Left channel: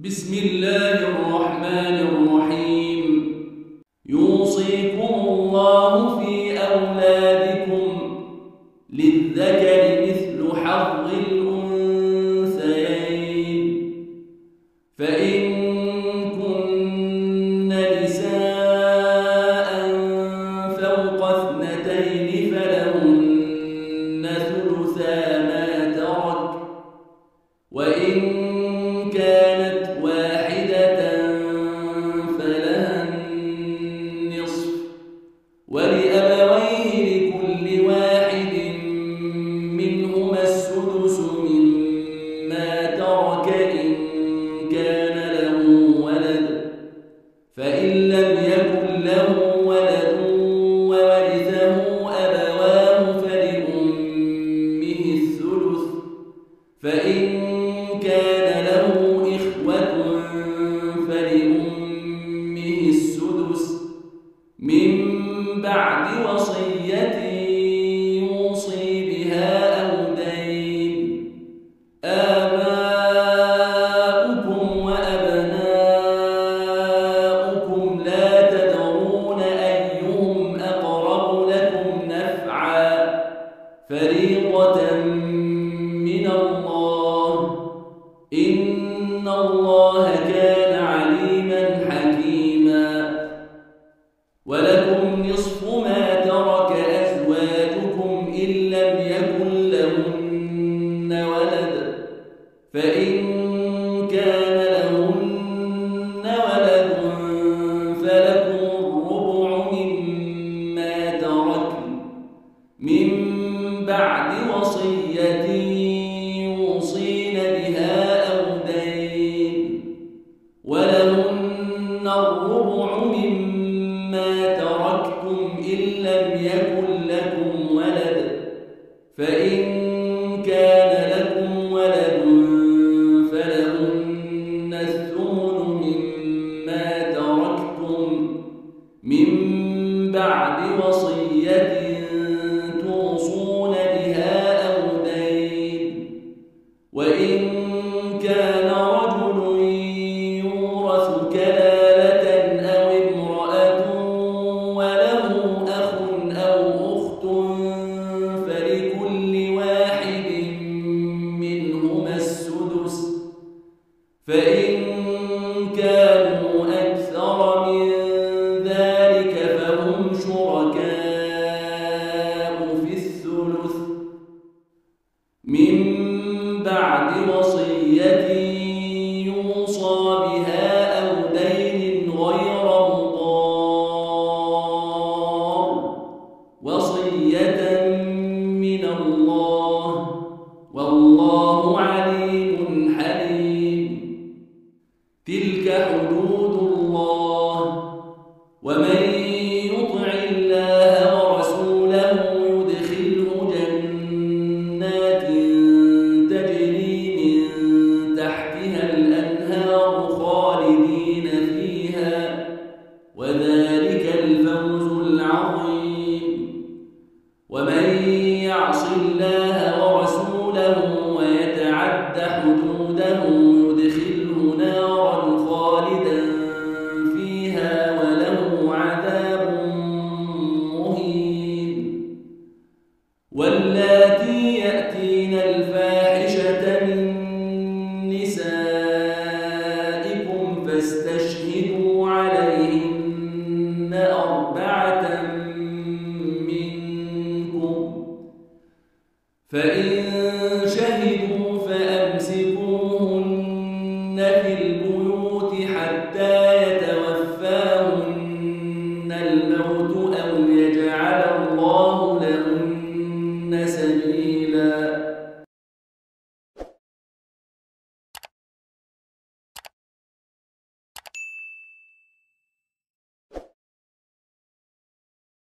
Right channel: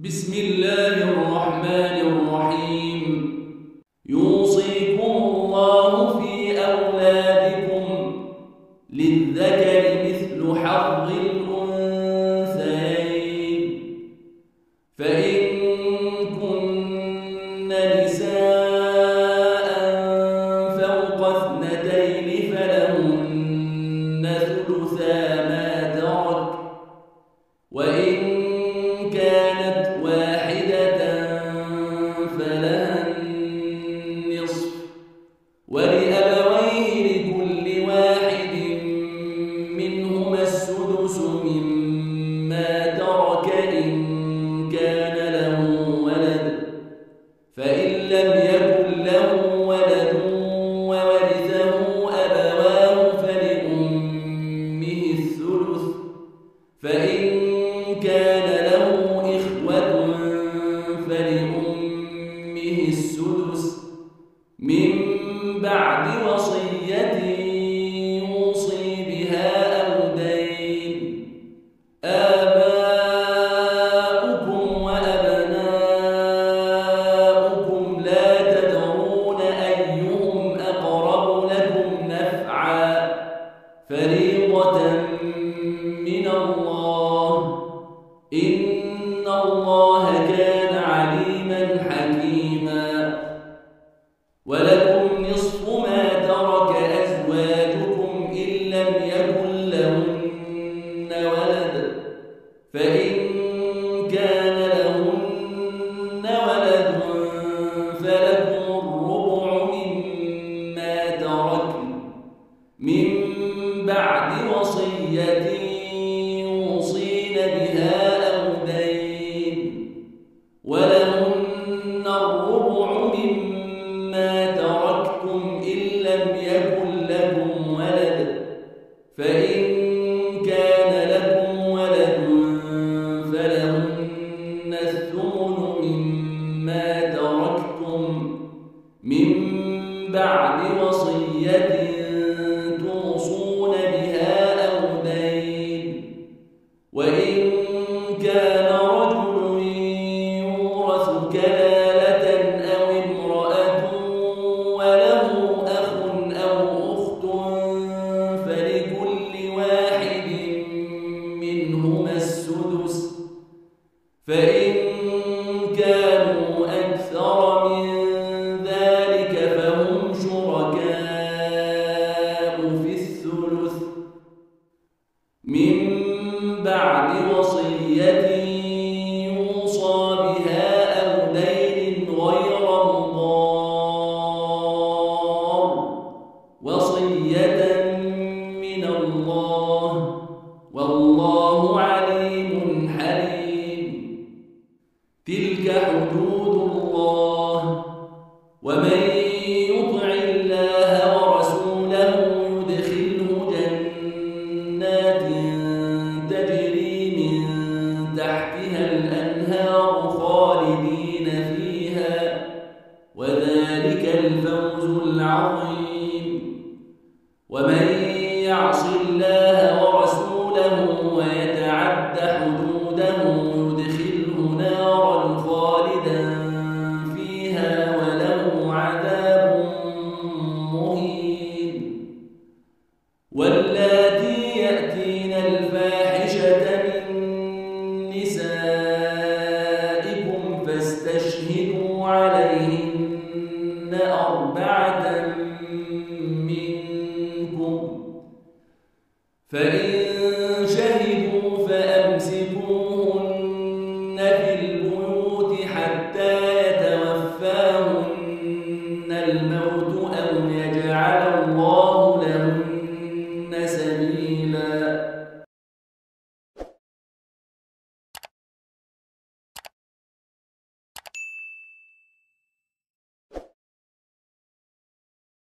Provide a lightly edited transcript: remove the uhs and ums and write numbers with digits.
بسم الله الرحمن الرحيم. يوصيكم الله في أولادكم للذكر مثل حظ الأنثيين، فإن كن نساء فوق اثنتين فلهن ثلثا ما ترك، وإن كانت واحدة فلها النصف، ولأبويه لكل واحد منهما السدس مما ترك إن كان له ولد، فإن لم يكن له ولد وورثه أبواه فلأمه الثلث، فإن كان له إخوة فلأمه السدس من بعد وصية يوصي بها أو دين. آباؤكم وأبناؤكم لا تدرون أيهم أقرب لكم نفعا، فريضة من الله، إن الله كان عليما حكيما. ولكم نصف ما ترك أزواجكم إن لم يكن لهن ولد، فإن كان لهن ولد فلكم الربع مما تركن من بعد وصية يوصين بها أو دين، ولهن الربع مما تركتم إن لم يكن لكم ولد، فإن كان لكم ولد فلهن الثمن مما تركتم من بعد وصية توصون بها أو دين. وإن كان رجل يورث كلالة أو امرأة وله أخ أو أخت فلكل واحد منهما السدس، فإن كانوا أكثر من ذلك فهم شركاء في الثلث من بعد وصية يوصى بها أو دين غير مضار، وصية من الله، والله عليم حليم. تلك حدود الله، ومن يطع الله ورسوله يدخله جنات تجري من تحتها الأنهار خالدين فيها، وذلك الفوز العظيم. ومن يعص الله ورسوله ويتعد حدوده يدخله نارا خالدا فيها وله عذاب مهين. واللاتي يأتين الفاحشة من نسائكم فاستشهدوا عليهن 4 منكم، فإن شهدوا فأمسكوهن في البيوت